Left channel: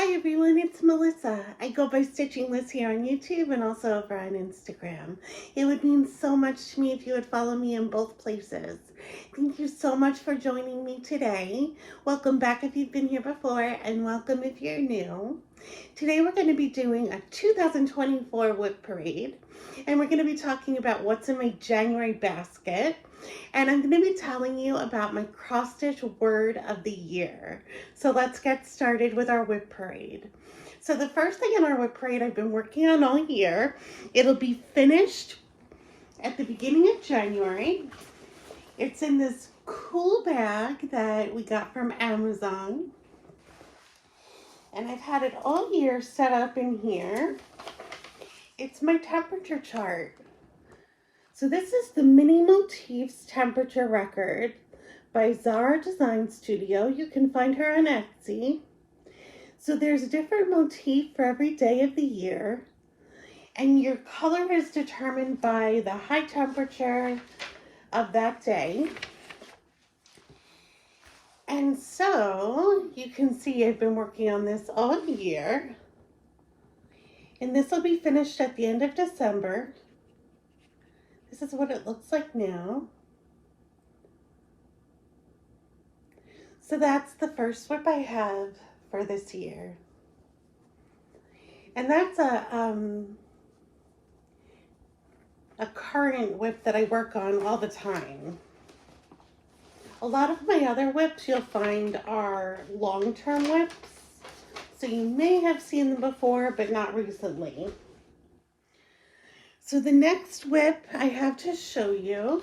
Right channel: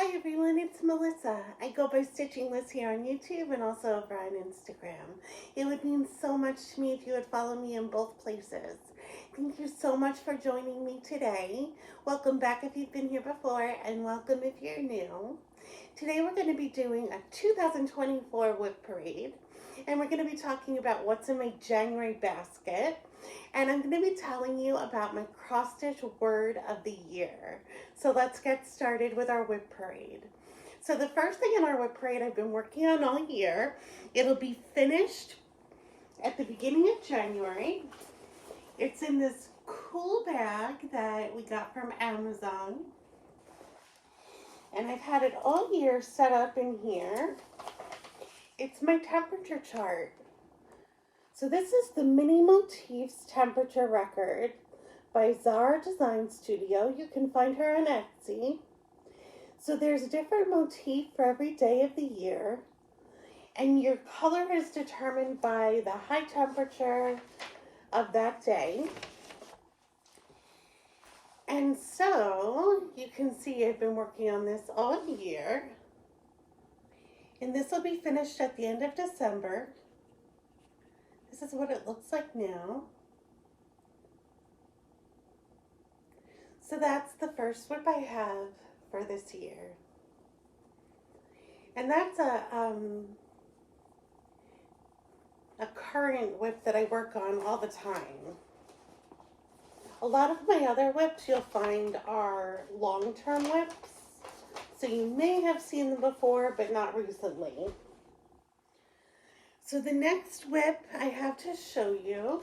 Hi everyone, it's Melissa. I go by Stitching Liz here on YouTube and also over on Instagram. It would mean so much to me if you would follow me in both places. Thank you so much for joining me today. Welcome back if you've been here before, and welcome if you're new. Today we're going to be doing a 2024 WIP parade, and we're going to be talking about what's in my January basket. And I'm going to be telling you about my cross stitch word of the year. So let's get started with our WIP parade. So the first thing in our WIP parade I've been working on all year, it'll be finished at the beginning of January. It's in this cool bag that we got from Amazon. And I've had it all year set up in here. It's my temperature chart. So this is the Mini Motifs Temperature Record by Zara Design Studio. You can find her on Etsy. So there's a different motif for every day of the year, and your color is determined by the high temperature of that day. And so you can see I've been working on this all year, and this will be finished at the end of December. This is what it looks like now. So that's the first WIP I have for this year. And that's a current WIP that I work on all the time. A lot of my other WIPs you'll find are long-term WIPs. So you may have seen them before, but not recently. So the next WIP I have to show you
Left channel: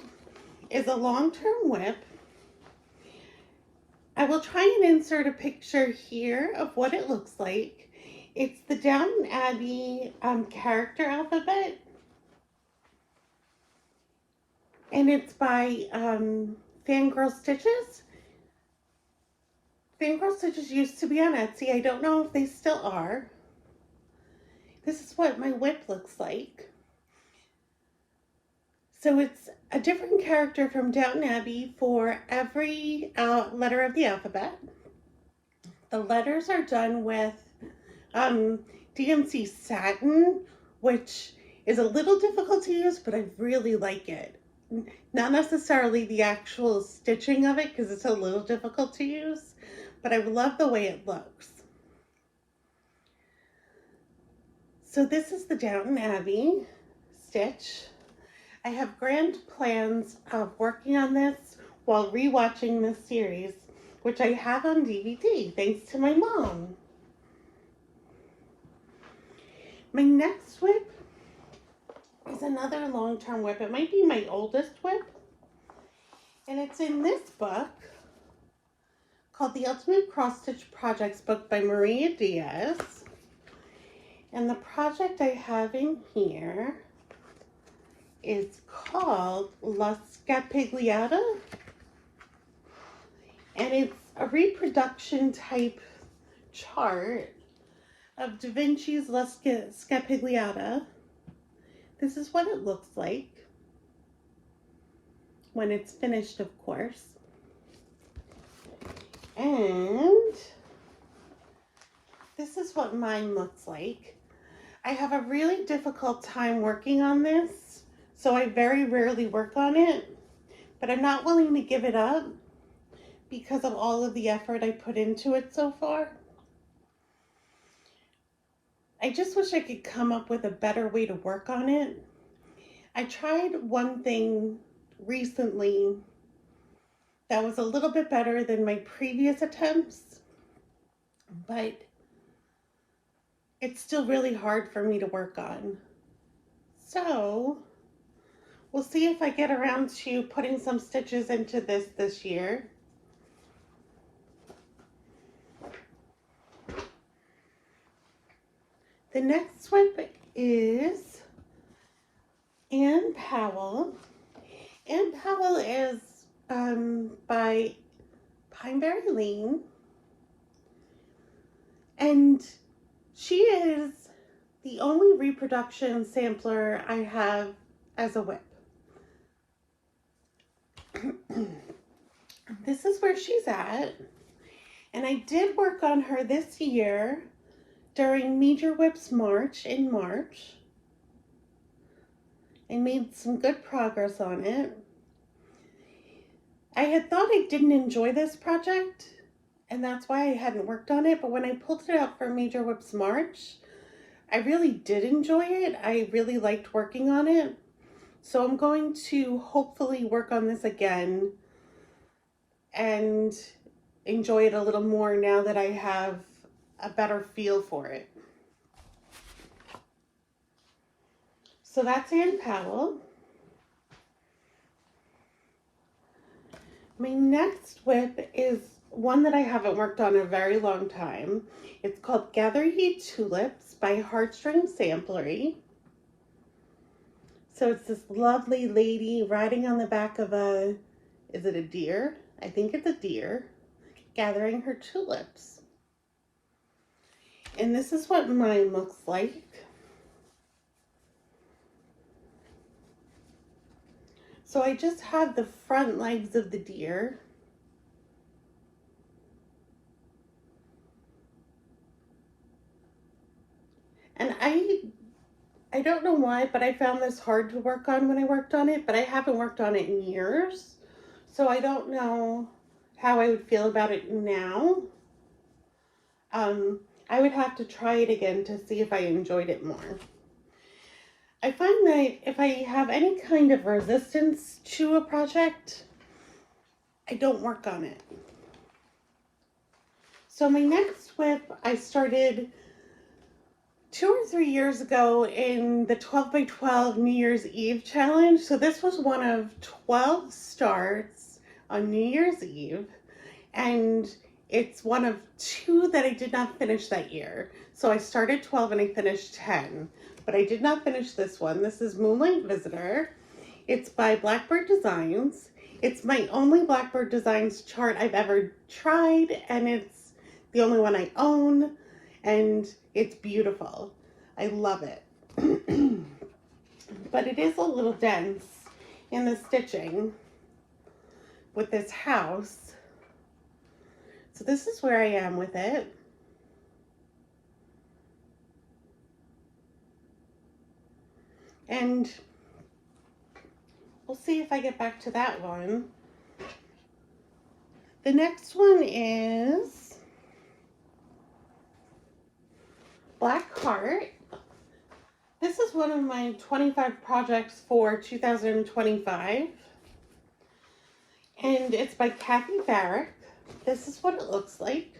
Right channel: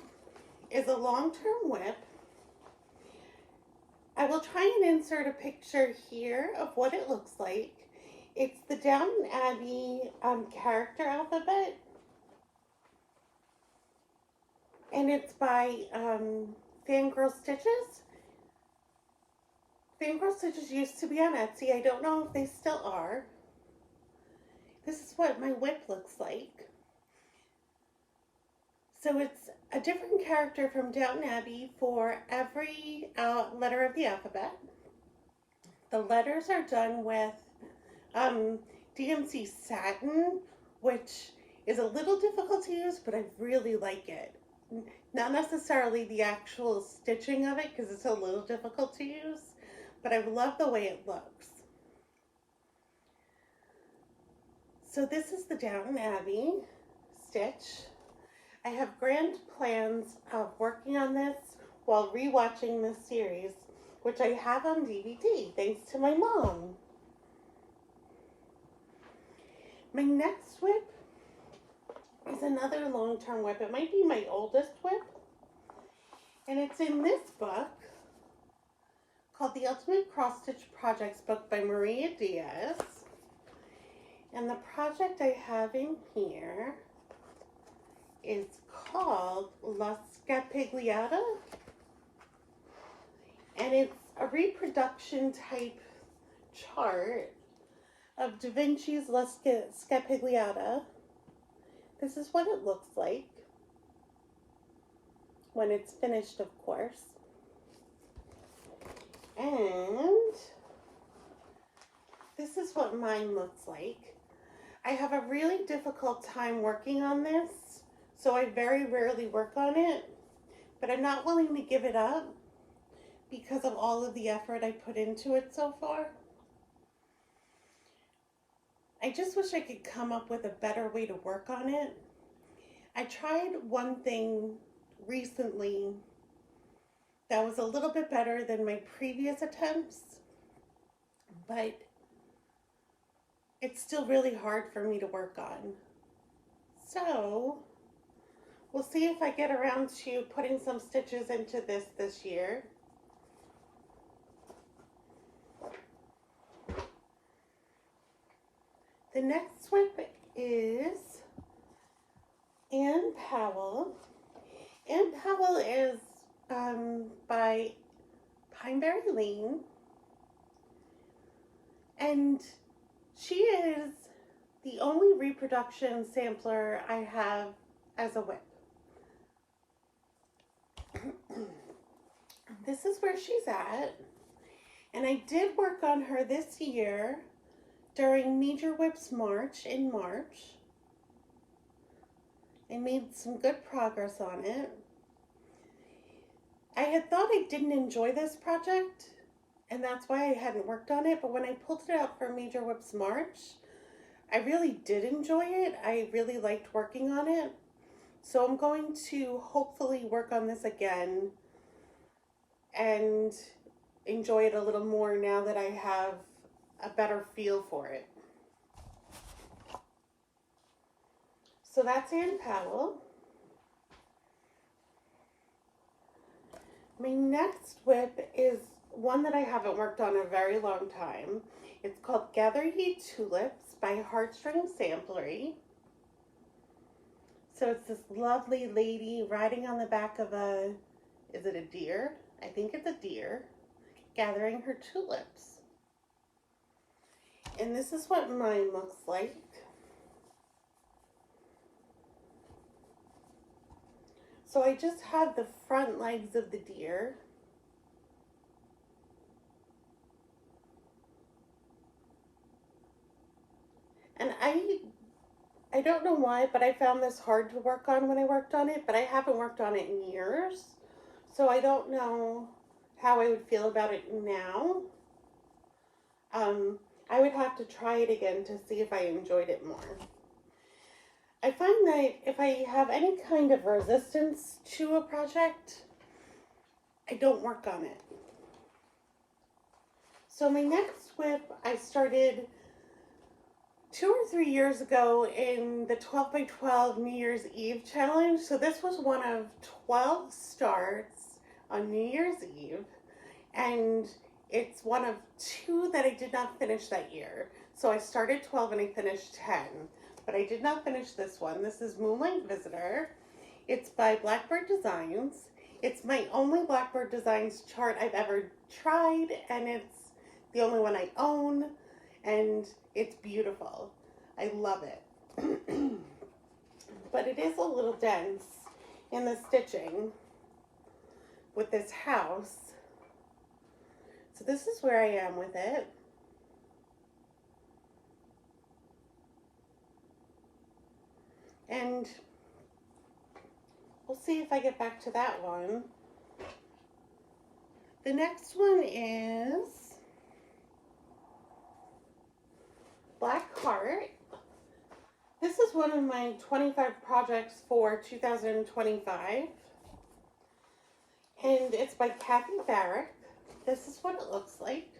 is a long-term WIP. I will try and insert a picture here of what it looks like. It's the Downton Abbey character alphabet. And it's by Fangirl Stitches. Fangirl Stitches used to be on Etsy. I don't know if they still are. This is what my WIP looks like. So it's a different character from Downton Abbey for every letter of the alphabet. The letters are done with DMC satin, which is a little difficult to use, but I really like it. Not necessarily the actual stitching of it, because it's a little difficult to use, but I love the way it looks. So this is the Downton Abbey stitch. I have grand plans of working on this while rewatching this series, which I have on DVD, thanks to my mom. My next WIP is another long-term WIP. It might be my oldest WIP, and it's in this book called The Ultimate Cross Stitch Projects Book by Maria Diaz. And the project I have in here is called La Scapigliata, and it's a reproduction type chart of Da Vinci's La Scapigliata. This is what it looks like when it's finished, of course. And this is what mine looks like. I have a really difficult time working on this, so I very rarely work on it, but I'm not willing to give it up because of all of the effort I put into it so far. I just wish I could come up with a better way to work on it. I tried one thing recently that was a little bit better than my previous attempts, but it's still really hard for me to work on. So we'll see if I get around to putting some stitches into this year. The next WIP is Anne Powell. Anne Powell is by Pineberry Lane, and she is the only reproduction sampler I have as a WIP. This is where she's at, and I did work on her this year during Major WIP's March in March. I made some good progress on it. I had thought I didn't enjoy this project, and that's why I hadn't worked on it, but when I pulled it out for Major WIP's March, I really did enjoy it. I really liked working on it. So I'm going to hopefully work on this again and enjoy it a little more now that I have a better feel for it. So that's Ann Powell. My next WIP is one that I haven't worked on in a very long time. It's called Gathery Tulips by Heartstring Samplery. So it's this lovely lady riding on the back of a, is it a deer? I think it's a deer, gathering her tulips. And this is what mine looks like. So I just have the front legs of the deer. And I don't know why, but I found this hard to work on when I worked on it, but I haven't worked on it in years. So I don't know how I would feel about it now. I would have to try it again to see if I enjoyed it more. I find that if I have any kind of resistance to a project, I don't work on it. So my next WIP, I started 2 or 3 years ago in the 12 by 12 New Year's Eve challenge. So this was one of 12 starts on New Year's Eve, and it's one of 2 that I did not finish that year. So I started 12 and I finished 10, but I did not finish this one. This is Moonlight Visitor. It's by Blackbird Designs. It's my only Blackbird Designs chart I've ever tried, and it's the only one I own, and it's beautiful. I love it. But it is a little dense in the stitching with this house. So this is where I am with it. And we'll see if I get back to that one. The next one is Black Heart. This is one of my 25 projects for 2025. And it's by Kathy Barrick. This is what it looks like.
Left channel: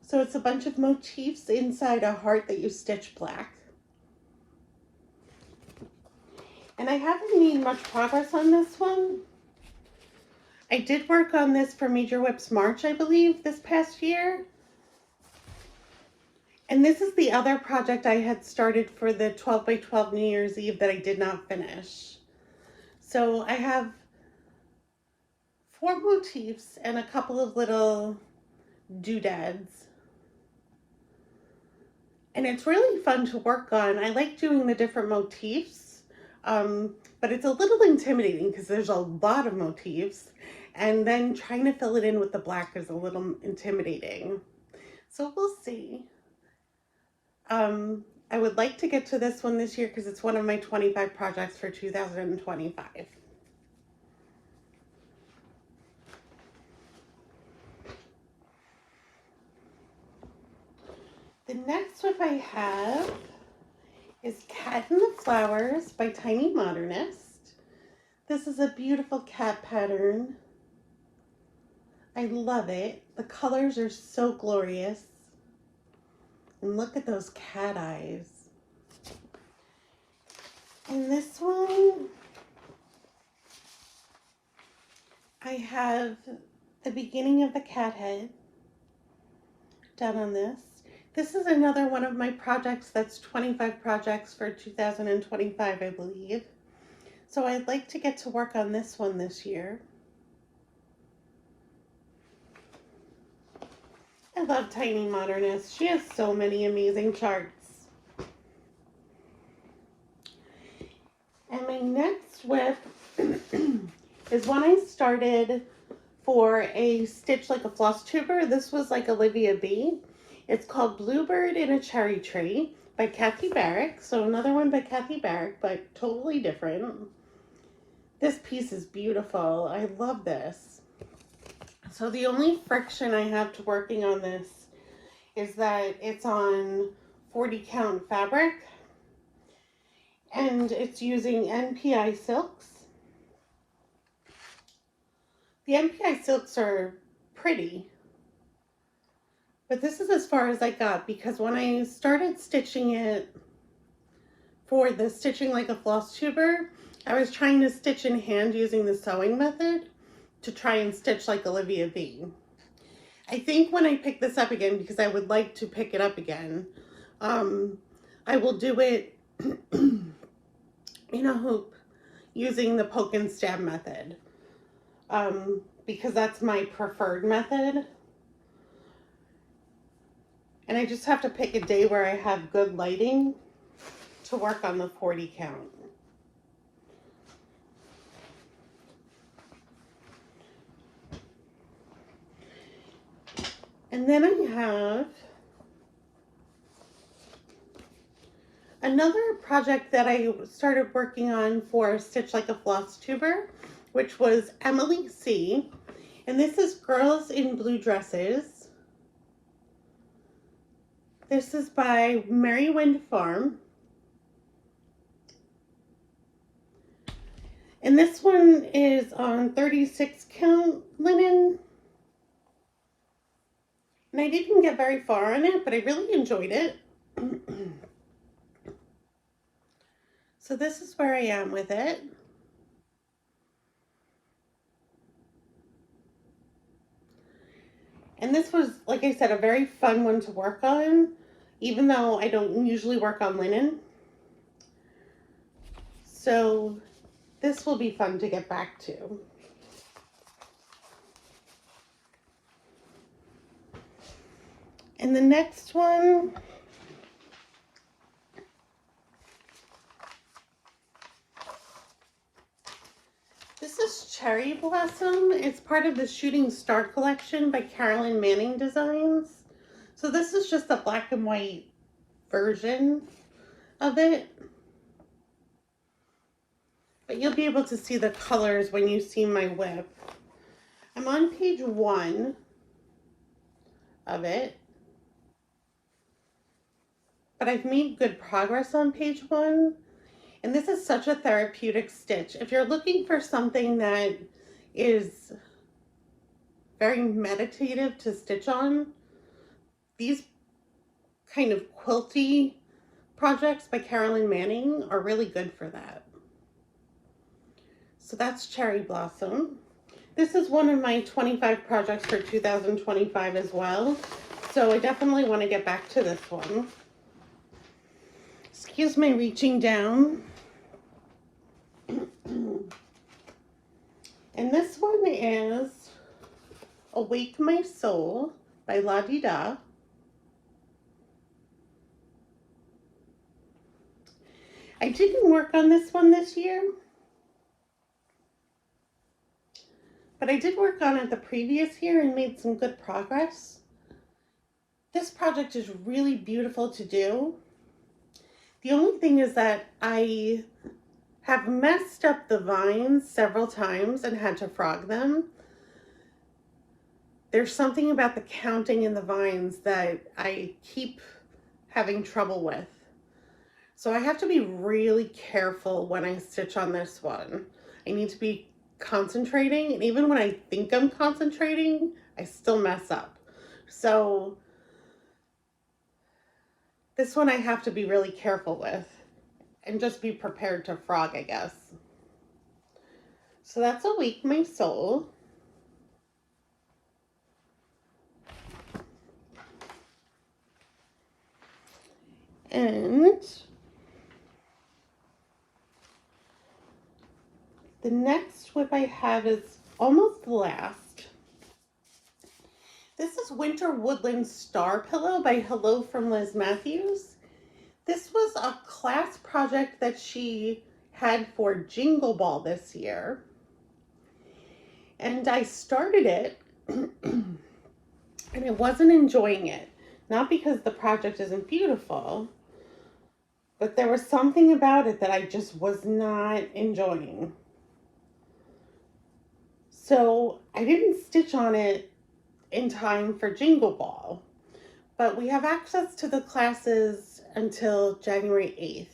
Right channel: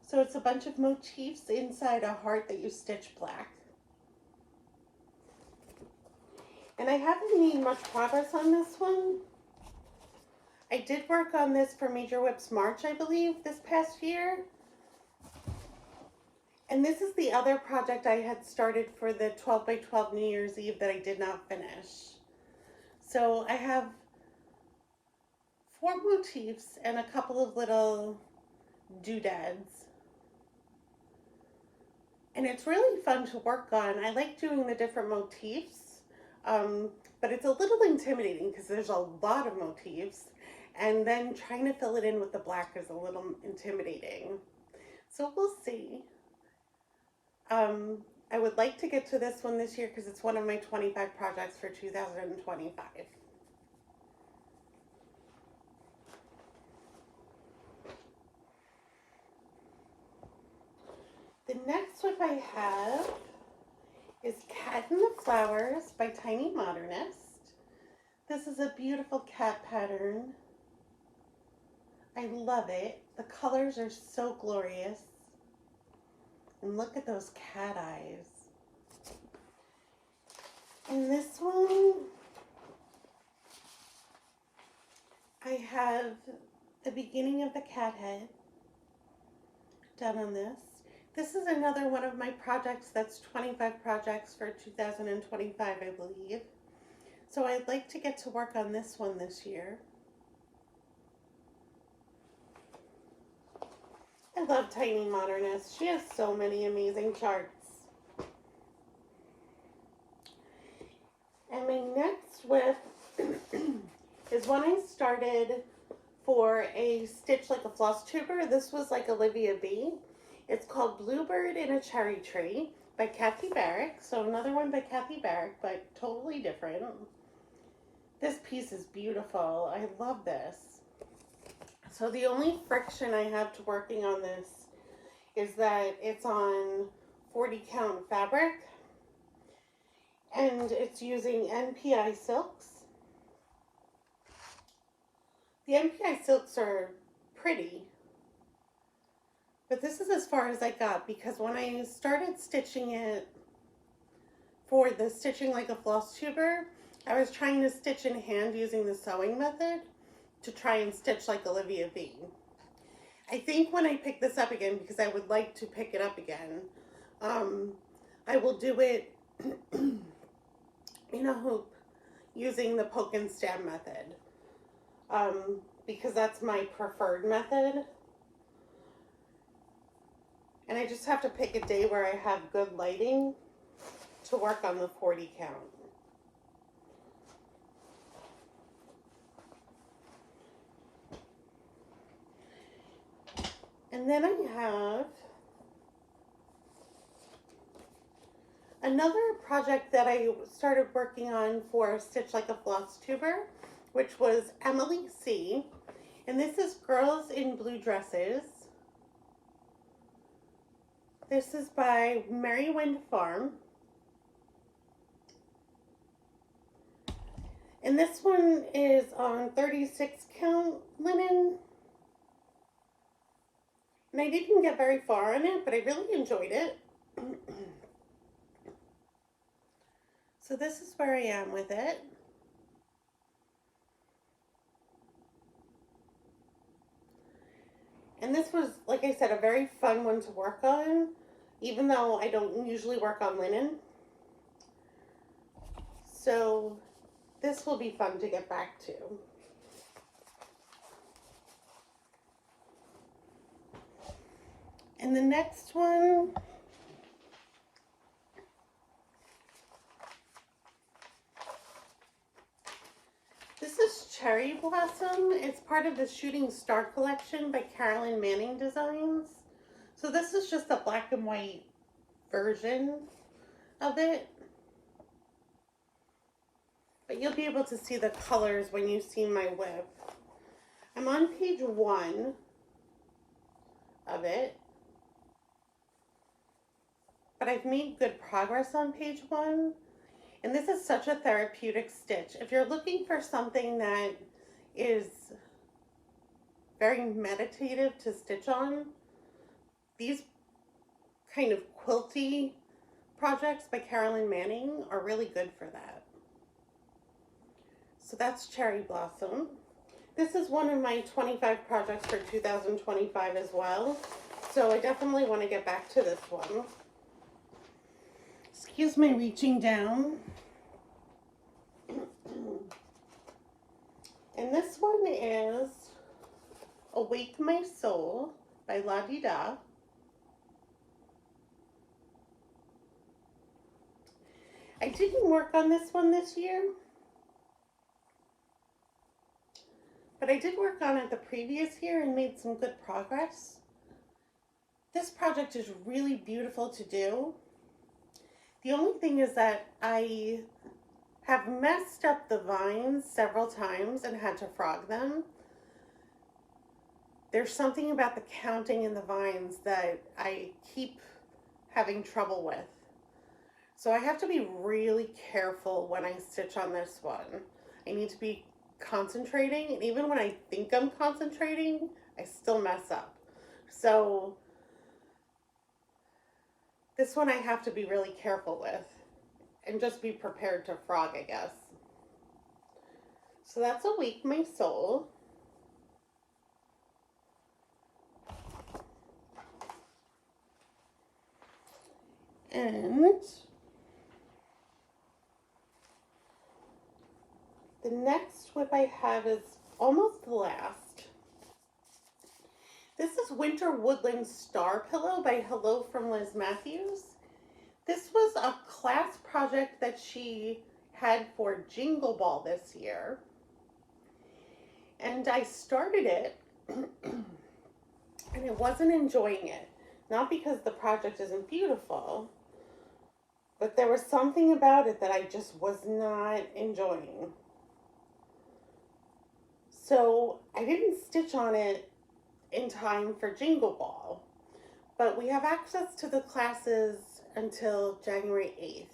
So it's a bunch of motifs inside a heart that you stitch black. And I haven't made much progress on this one. I did work on this for Major WIP's March, I believe, this past year. And this is the other project I had started for the 12 by 12 New Year's Eve that I did not finish. So I have 4 motifs and a couple of little doodads. And it's really fun to work on. I like doing the different motifs. But it's a little intimidating because there's a lot of motifs, and then trying to fill it in with the black is a little intimidating. So we'll see. I would like to get to this one this year because it's one of my 25 projects for 2025. The next one I have is Cat in the Flowers by Tiny Modernist. This is a beautiful cat pattern. I love it. The colors are so glorious. And look at those cat eyes. And this one, I have the beginning of the cat head done on this. This is another one of my projects that's 25 projects for 2025, I believe. So I'd like to get to work on this one this year. I love Tiny Modernist. She has so many amazing charts. And my next WIP is one I started for a Stitch Like a Flosstuber. This was like Olivia B. It's called Bluebird in a Cherry Tree by Kathy Barrick. So another one by Kathy Barrick, but totally different. This piece is beautiful. I love this. So the only friction I have to working on this is that it's on 40 count fabric and it's using NPI silks. The NPI silks are pretty, but this is as far as I got because when I started stitching it for the Stitching Like a Flosstuber, I was trying to stitch in hand using the sewing method to try and stitch like Olivia B. I think when I pick this up again, because I would like to pick it up again, I will do it in a hoop using the poke and stab method, because that's my preferred method. And I just have to pick a day where I have good lighting to work on the 40 count. And then I have another project that I started working on for Stitch Like a Flosstuber, which was Emily C. And this is Girls in Blue Dresses. This is by Merry Wind Farm. And this one is on 36 count linen. And I didn't get very far on it, but I really enjoyed it. So this is where I am with it. And this was, like I said, a very fun one to work on, even though I don't usually work on linen. So this will be fun to get back to. And the next one, this is Cherry Blossom. It's part of the Shooting Star collection by Carolyn Manning Designs. So this is just a black and white version of it. But you'll be able to see the colors when you see my WIP. I'm on page 1 of it. But I've made good progress on page 1. And this is such a therapeutic stitch. If you're looking for something that is very meditative to stitch on, these kind of quilty projects by Carolyn Manning are really good for that. So that's Cherry Blossom. This is one of my 25 projects for 2025 as well. So I definitely want to get back to this one. Excuse me reaching down. And this one is Awake My Soul by La Di Da. I didn't work on this one this year, but I did work on it the previous year and made some good progress. This project is really beautiful to do. The only thing is that I have messed up the vines several times and had to frog them. There's something about the counting in the vines that I keep having trouble with. So I have to be really careful when I stitch on this one. I need to be concentrating, and even when I think I'm concentrating, I still mess up. So this one I have to be really careful with and just be prepared to frog, I guess. So that's Awake My Soul. And the next WIP I have is almost the last. This is Winter Woodland Star Pillow by Hello from Liz Matthews. This was a class project that she had for Jingle Ball this year. And I started it and I wasn't enjoying it. Not because the project isn't beautiful, but there was something about it that I just was not enjoying. So I didn't stitch on it in time for Jingle Ball, but we have access to the classes until January 8th.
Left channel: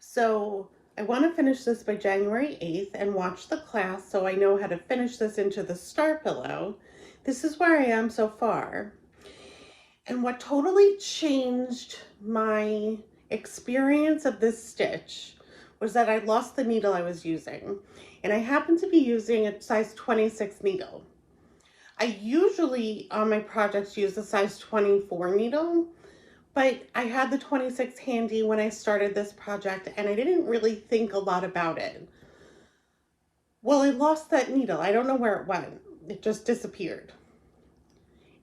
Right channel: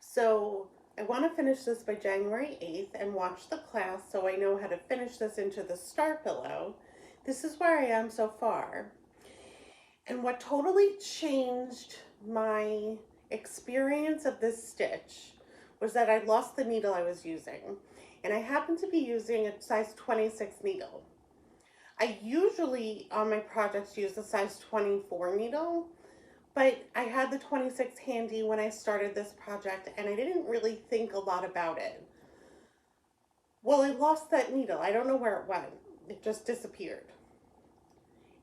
So I want to finish this by January 8th and watch the class so I know how to finish this into the star pillow. This is where I am so far. And what totally changed my experience of this stitch was that I lost the needle I was using. And I happen to be using a size 26 needle. I usually on my projects use a size 24 needle, but I had the 26 handy when I started this project and I didn't really think a lot about it. Well, I lost that needle. I don't know where it went. It just disappeared.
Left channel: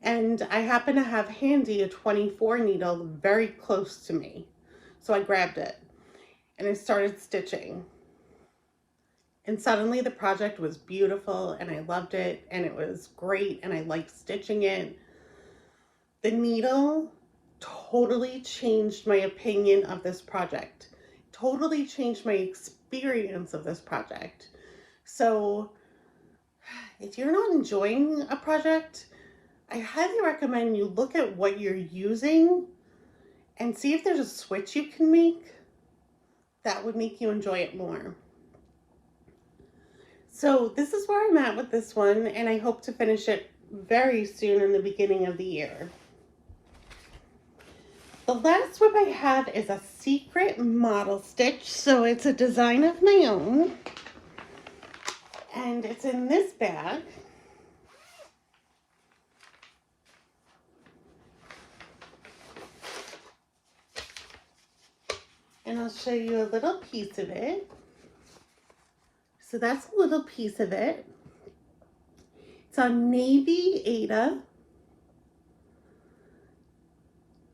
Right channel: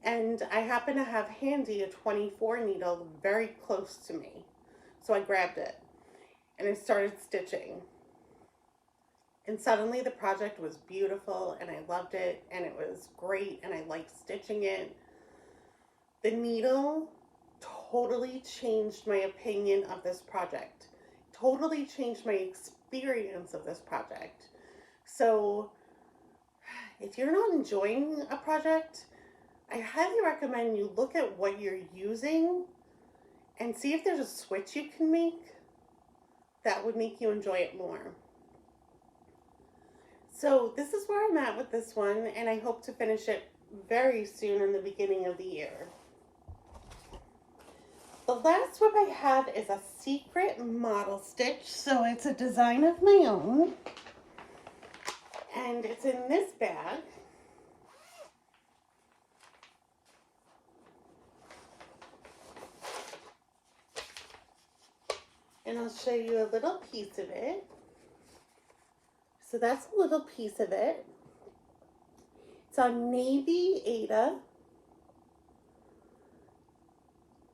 And I happen to have handy a 24 needle very close to me. So I grabbed it and I started stitching. And suddenly the project was beautiful and I loved it and it was great and I liked stitching it. The needle totally changed my opinion of this project. Totally changed my experience of this project. So if you're not enjoying a project, I highly recommend you look at what you're using and see if there's a switch you can make that would make you enjoy it more. So this is where I'm at with this one, and I hope to finish it very soon in the beginning of the year. The last WIP I have is a secret model stitch, so it's a design of my own, and it's in this bag. And I'll show you a little piece of it. So that's a little piece of it. It's on Navy Ada.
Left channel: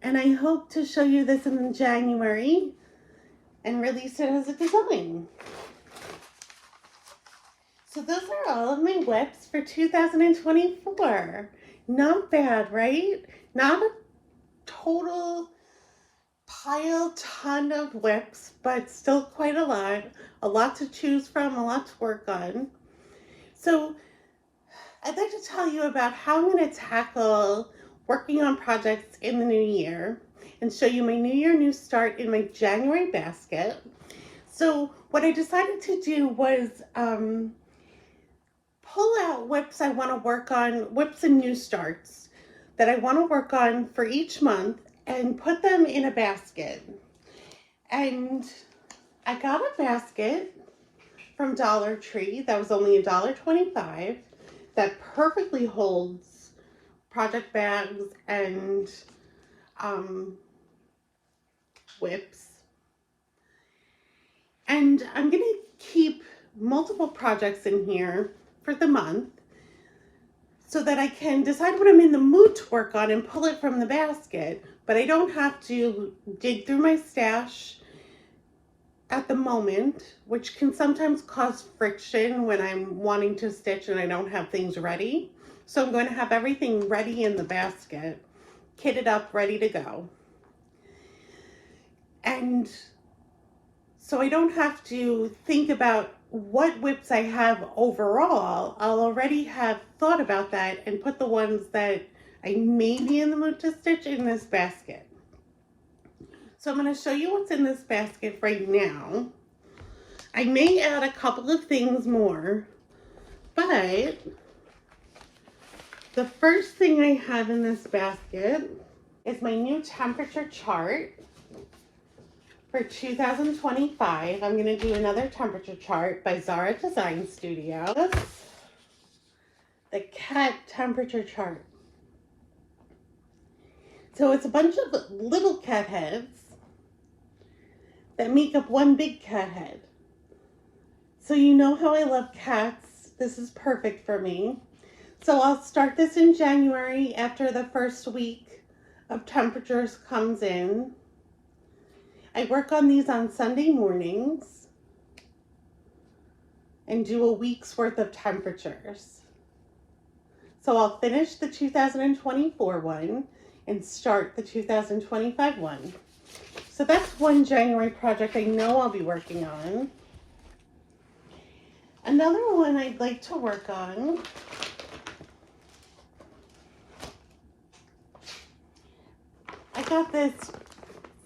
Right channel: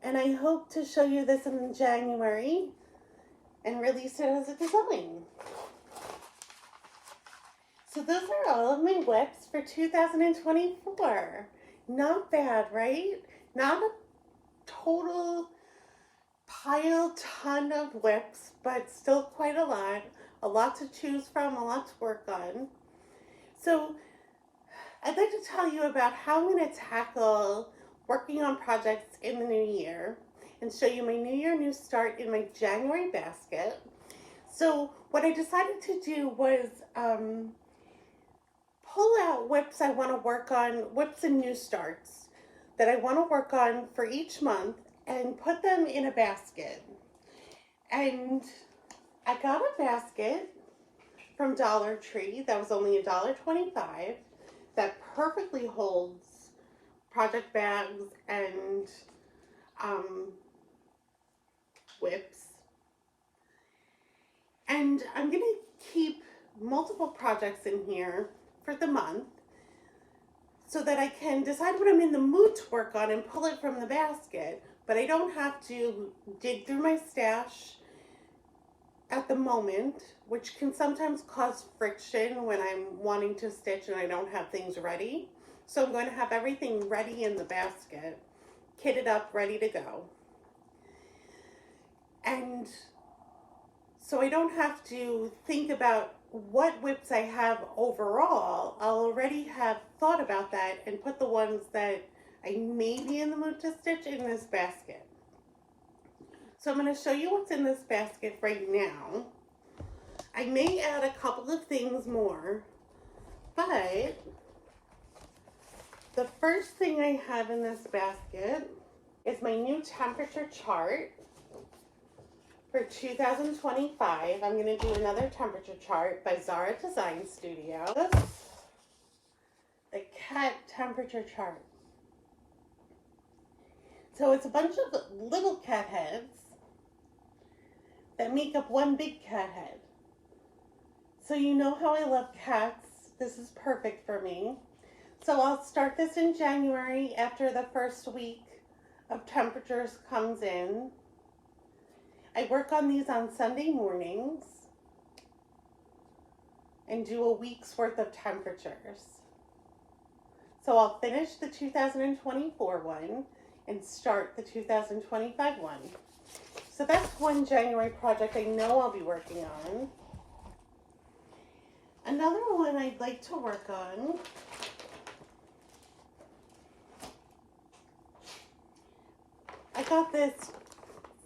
And I hope to show you this in January and release it as a design. So those are all of my WIPs for 2024. Not bad, right? Not a total ton of WIPs, but still quite a lot to choose from, a lot to work on. So I'd like to tell you about how I'm going to tackle working on projects in the new year and show you my New Year, New Start in my January basket. So what I decided to do was pull out WIPs I want to work on, WIPs and New Starts that I want to work on for each month and put them in a basket. And I got a basket from Dollar Tree that was only $1.25 that perfectly holds project bags and WIPs. And I'm going to keep multiple projects in here for the month so that I can decide what I'm in the mood to work on and pull it from the basket, but I don't have to dig through my stash at the moment, which can sometimes cause friction when I'm wanting to stitch and I don't have things ready. So I'm going to have everything ready in the basket, kitted up, ready to go. And so I don't have to think about what WIPs I have overall. I'll already have thought about that and put the ones that I may be in the mood to stitch in this basket. So I'm going to show you what's in this basket right now. I may add a couple of things more, but the first thing I have in this basket is my new temperature chart for 2025. I'm going to do another temperature chart by Zara Design Studio. The cat temperature chart. So it's a bunch of little cat heads that make up one big cat head. So you know how I love cats. This is perfect for me. So I'll start this in January after the first week of temperatures comes in. I work on these on Sunday mornings and do a week's worth of temperatures. So I'll finish the 2024 one and start the 2025 one. So that's one January project I know I'll be working on. Another one I'd like to work on I got this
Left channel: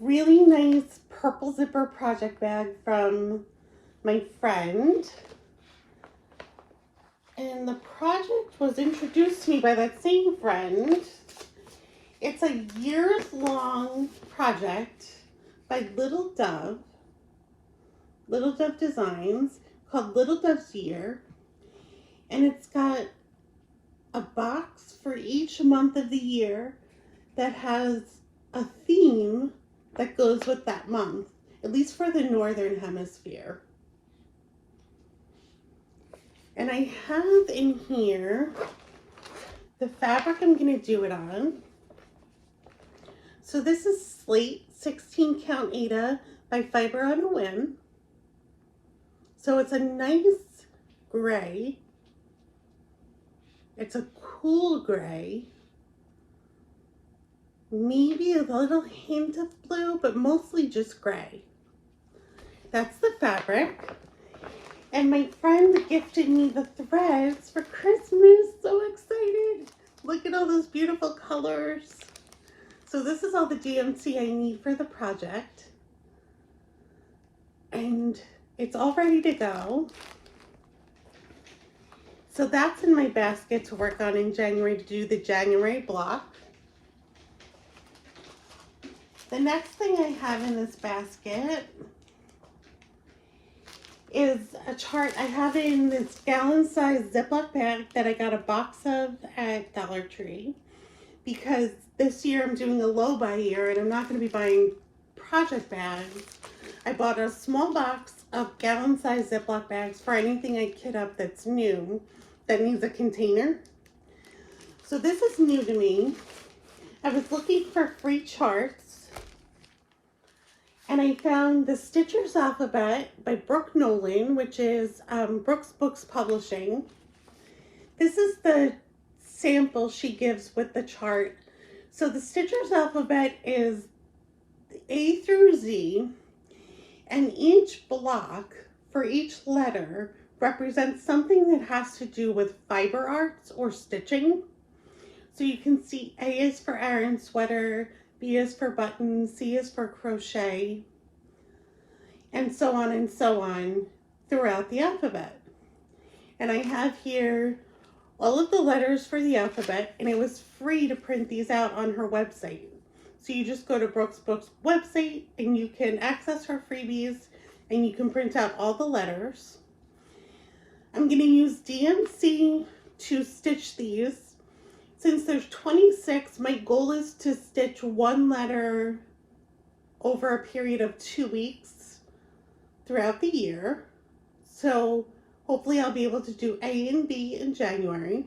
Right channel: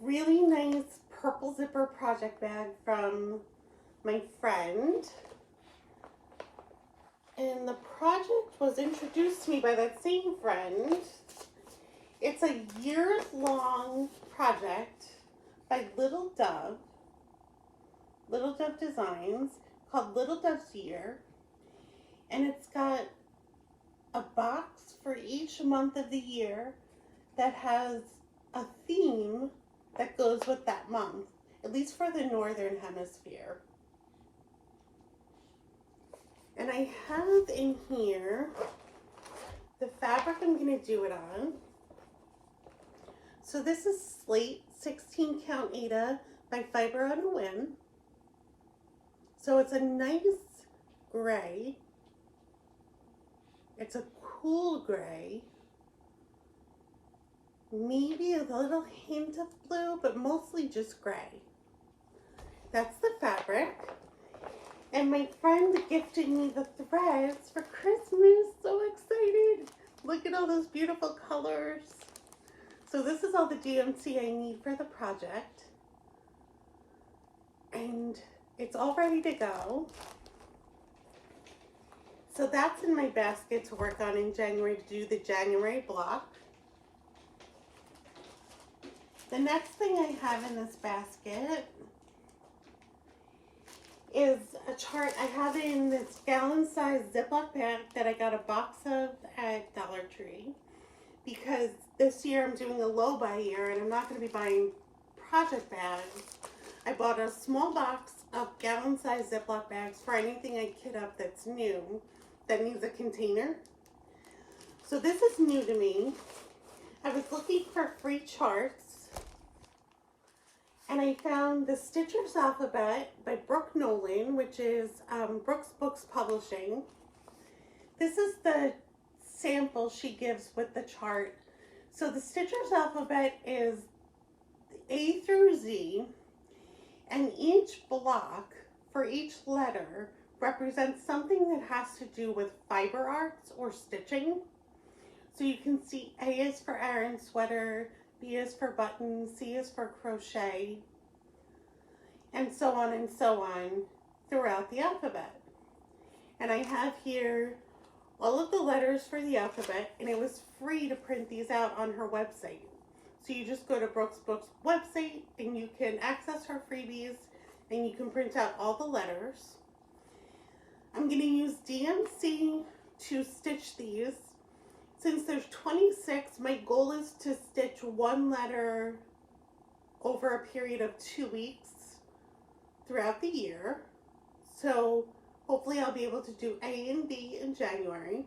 really nice purple zipper project bag from my friend. And the project was introduced to me by that same friend. It's a years-long project by Little Dove Designs, called Little Dove's Year. And it's got a box for each month of the year that has a theme that goes with that month, at least for the Northern Hemisphere. And I have in here the fabric I'm going to do it on. So this is Slate 16 count Aida by Fiber on a Whim. So it's a nice gray. It's a cool gray. Maybe a little hint of blue, but mostly just gray. That's the fabric. And my friend gifted me the threads for Christmas. So excited. Look at all those beautiful colors. So this is all the DMC I need for the project. And it's all ready to go. So that's in my basket to work on in January, to do the January block. The next thing I have in this basket is a chart. I have it in this gallon-sized Ziploc bag that I got a box of at Dollar Tree, because this year I'm doing a low buy year and I'm not going to be buying project bags. I bought a small box of gallon-sized Ziploc bags for anything I kit up that's new, that needs a container. So this is new to me. I was looking for free charts, and I found the Stitcher's Alphabet by Brooke Nolan, which is Brooks Books Publishing. This is the sample she gives with the chart. So the Stitcher's Alphabet is A through Z, and each block for each letter represents something that has to do with fiber arts or stitching. So you can see A is for Aran sweater, B is for button, C is for crochet, and so on throughout the alphabet. And I have here all of the letters for the alphabet, and it was free to print these out on her website. So you just go to Brooks Books website and you can access her freebies and you can print out all the letters. I'm going to use DMC to stitch these. Since there's 26, my goal is to stitch one letter over a period of 2 weeks throughout the year. So hopefully I'll be able to do A and B in January.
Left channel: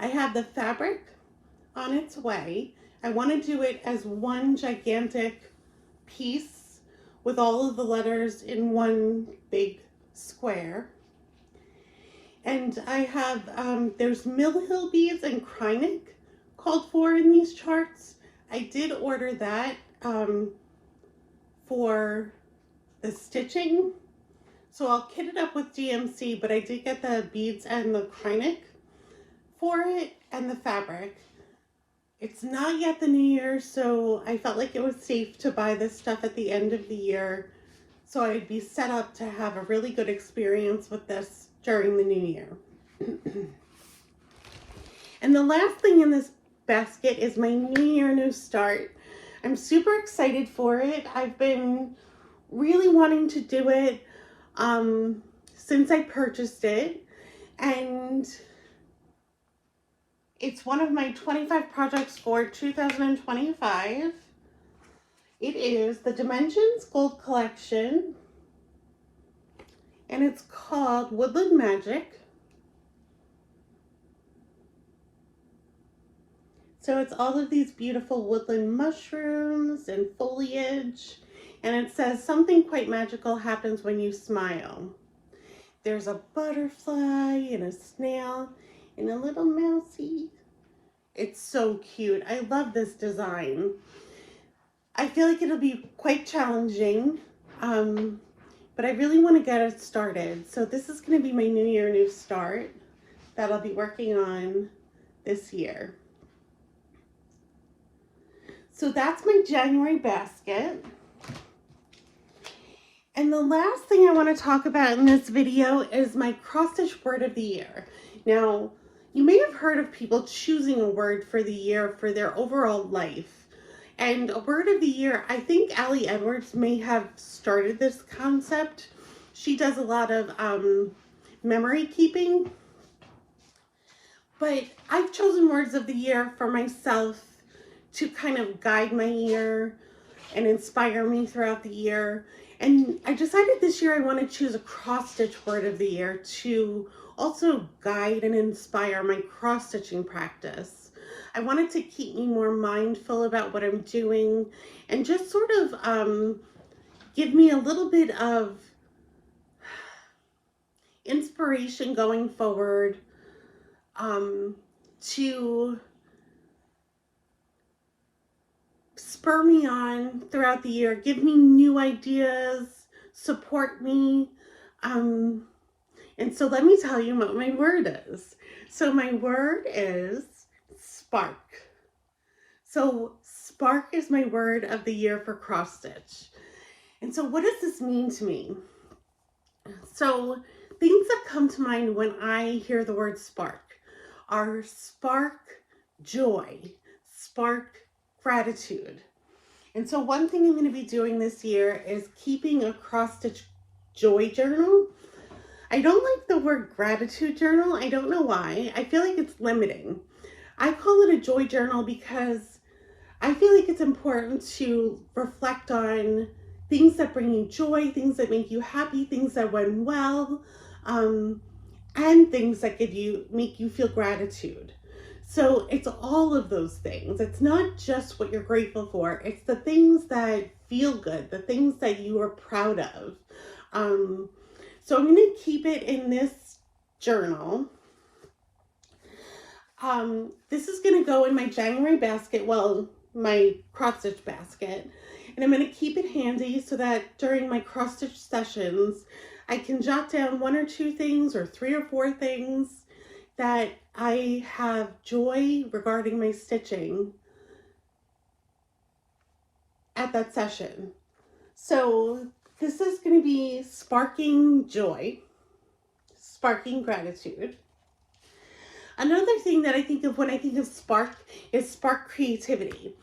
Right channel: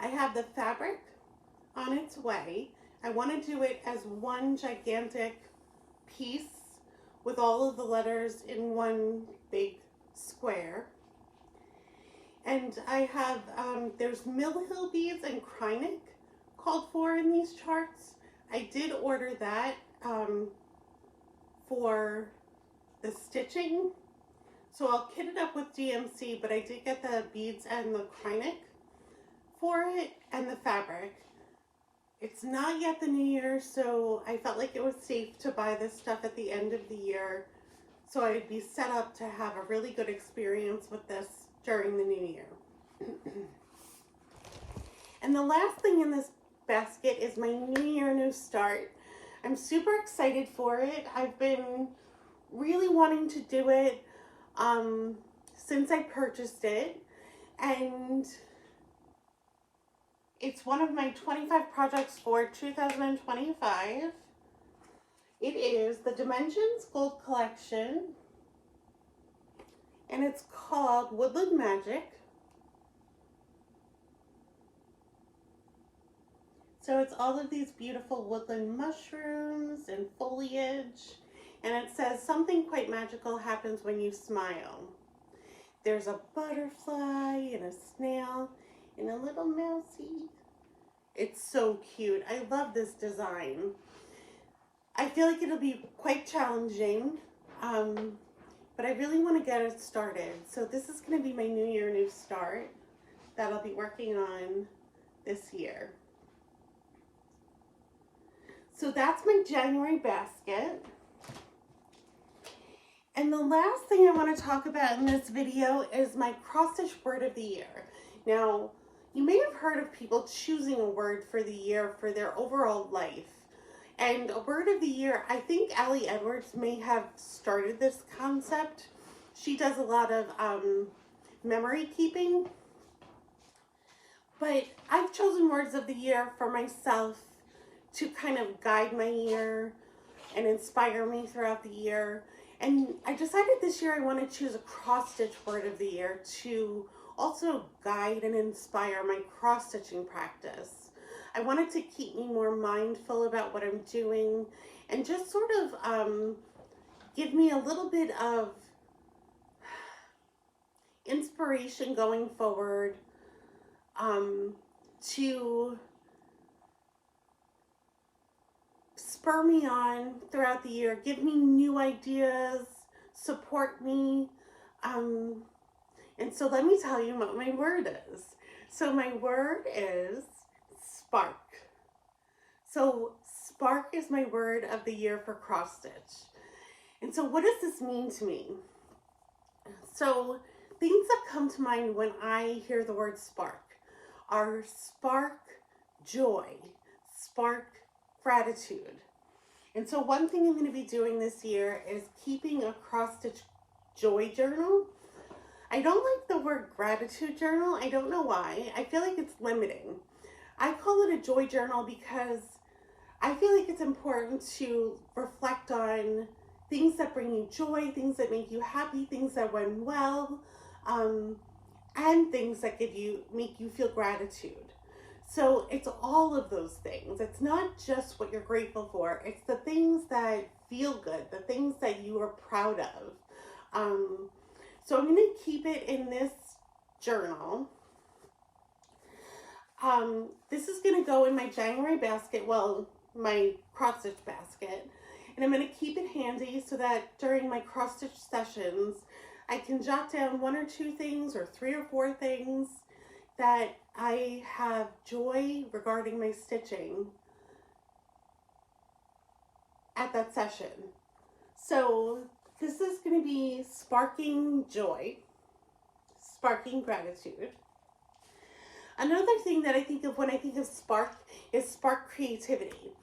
I have the fabric on its way. I want to do it as one gigantic piece with all of the letters in one big square. And I have, there's Mill Hill beads and Krynic called for in these charts. I did order that for the stitching. So I'll kit it up with DMC, but I did get the beads and the Krynic for it and the fabric. It's not yet the new year, so I felt like it was safe to buy this stuff at the end of the year, so I'd be set up to have a really good experience with this during the new year. And the last thing in this basket is my New Year New Start. I'm super excited for it. I've been really wanting to do it since I purchased it, and it's one of my 25 projects for 2025. It is the Dimensions Gold Collection, and it's called Woodland Magic. So it's all of these beautiful woodland mushrooms and foliage, and it says something quite magical happens when you smile. There's a butterfly and a snail and a little mousey It's so cute. I love this design. I feel like it'll be quite challenging, but I really want to get it started. So this is going to be my New Year, New Start that I'll be working on this year. So that's my January basket. And the last thing I want to talk about in this video is my cross-stitch word of the year. Now, you may have heard of people choosing a word for the year for their overall life. And a word of the year, I think Allie Edwards may have started this concept. She does a lot of memory keeping. But I've chosen words of the year for myself to kind of guide my year and inspire me throughout the year. And I decided this year I want to choose a cross-stitch word of the year to also guide and inspire my cross-stitching practice. I wanted to keep me more mindful about what I'm doing and just sort of give me a little bit of inspiration going forward to spur me on throughout the year, give me new ideas, support me. And so let me tell you what my word is. So my word is spark. So spark is my word of the year for cross stitch. And so what does this mean to me? So things that come to mind when I hear the word spark are spark joy, spark gratitude. And so one thing I'm going to be doing this year is keeping a cross-stitch joy journal. I don't like the word gratitude journal. I don't know why. I feel like it's limiting. I call it a joy journal because I feel like it's important to reflect on things that bring you joy, things that make you happy, things that went well, and things that make you feel gratitude. So it's all of those things. It's not just what you're grateful for. It's the things that feel good, the things that you are proud of. So I'm going to keep it in this journal. This is going to go in my January basket, well, my cross-stitch basket. And I'm going to keep it handy so that during my cross-stitch sessions, I can jot down 1 or 2 things or 3 or 4 things that I have joy regarding my stitching at that session. So this is going to be sparking joy, sparking gratitude. Another thing that I think of when I think of spark is spark creativity.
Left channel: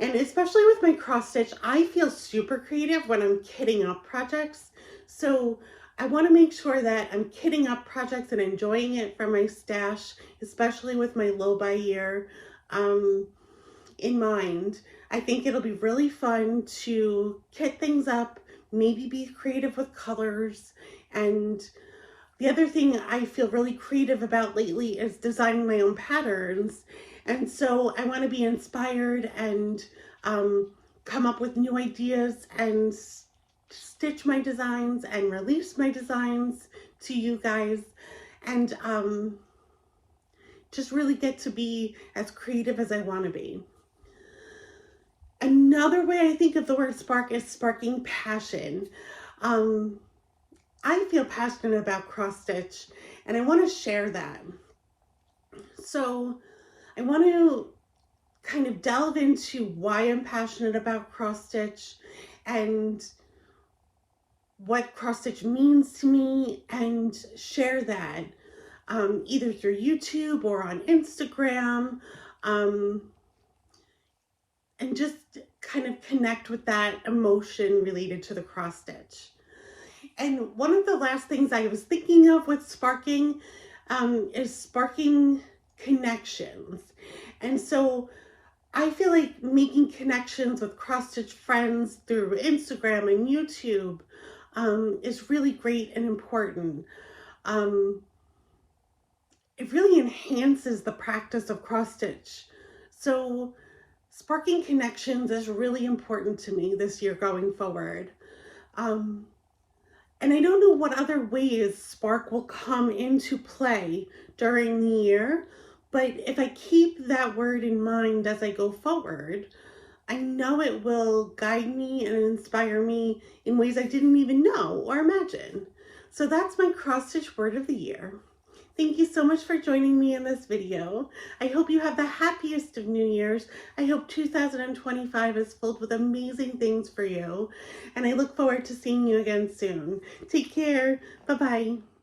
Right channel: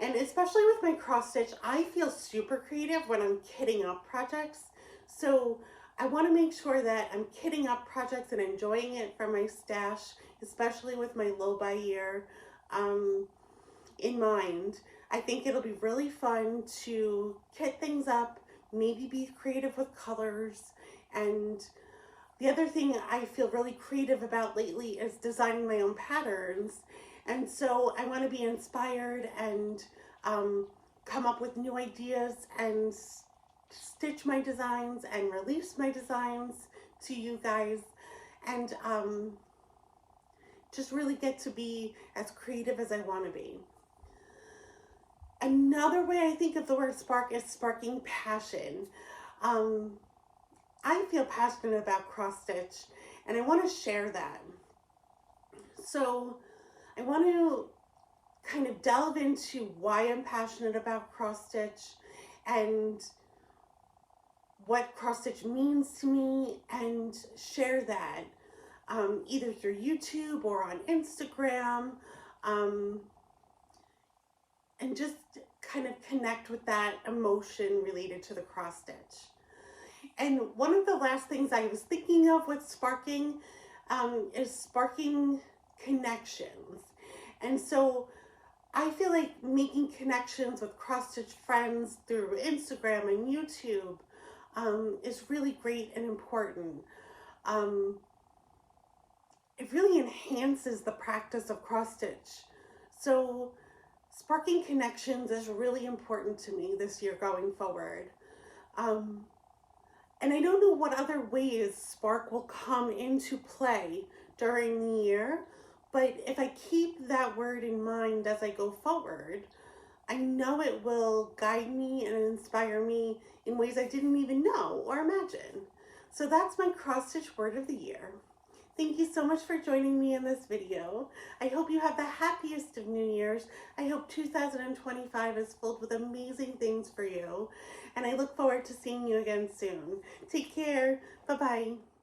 And especially with my cross stitch, I feel super creative when I'm kitting up projects. So I want to make sure that I'm kitting up projects and enjoying it from my stash, especially with my low buy year in mind. I think it'll be really fun to kit things up, maybe be creative with colors. And the other thing I feel really creative about lately is designing my own patterns. And so I want to be inspired and come up with new ideas and stitch my designs and release my designs to you guys, and just really get to be as creative as I want to be. Another way I think of the word spark is sparking passion. I feel passionate about cross stitch and I want to share that. So I want to kind of delve into why I'm passionate about cross stitch and what cross stitch means to me, and share that either through YouTube or on Instagram, and just kind of connect with that emotion related to the cross stitch. And one of the last things I was thinking of with sparking is sparking connections. And so I feel like making connections with cross stitch friends through Instagram and YouTube is really great and important. It really enhances the practice of cross stitch. So sparking connections is really important to me this year going forward. And I don't know what other ways spark will come into play during the year, But if I keep that word in mind as I go forward, I know it will guide me and inspire me in ways I didn't even know or imagine. So that's my cross stitch word of the year. Thank you so much for joining me in this video. I hope you have the happiest of New Year's. I hope 2025 is filled with amazing things for you. And I look forward to seeing you again soon. Take care. Bye-bye.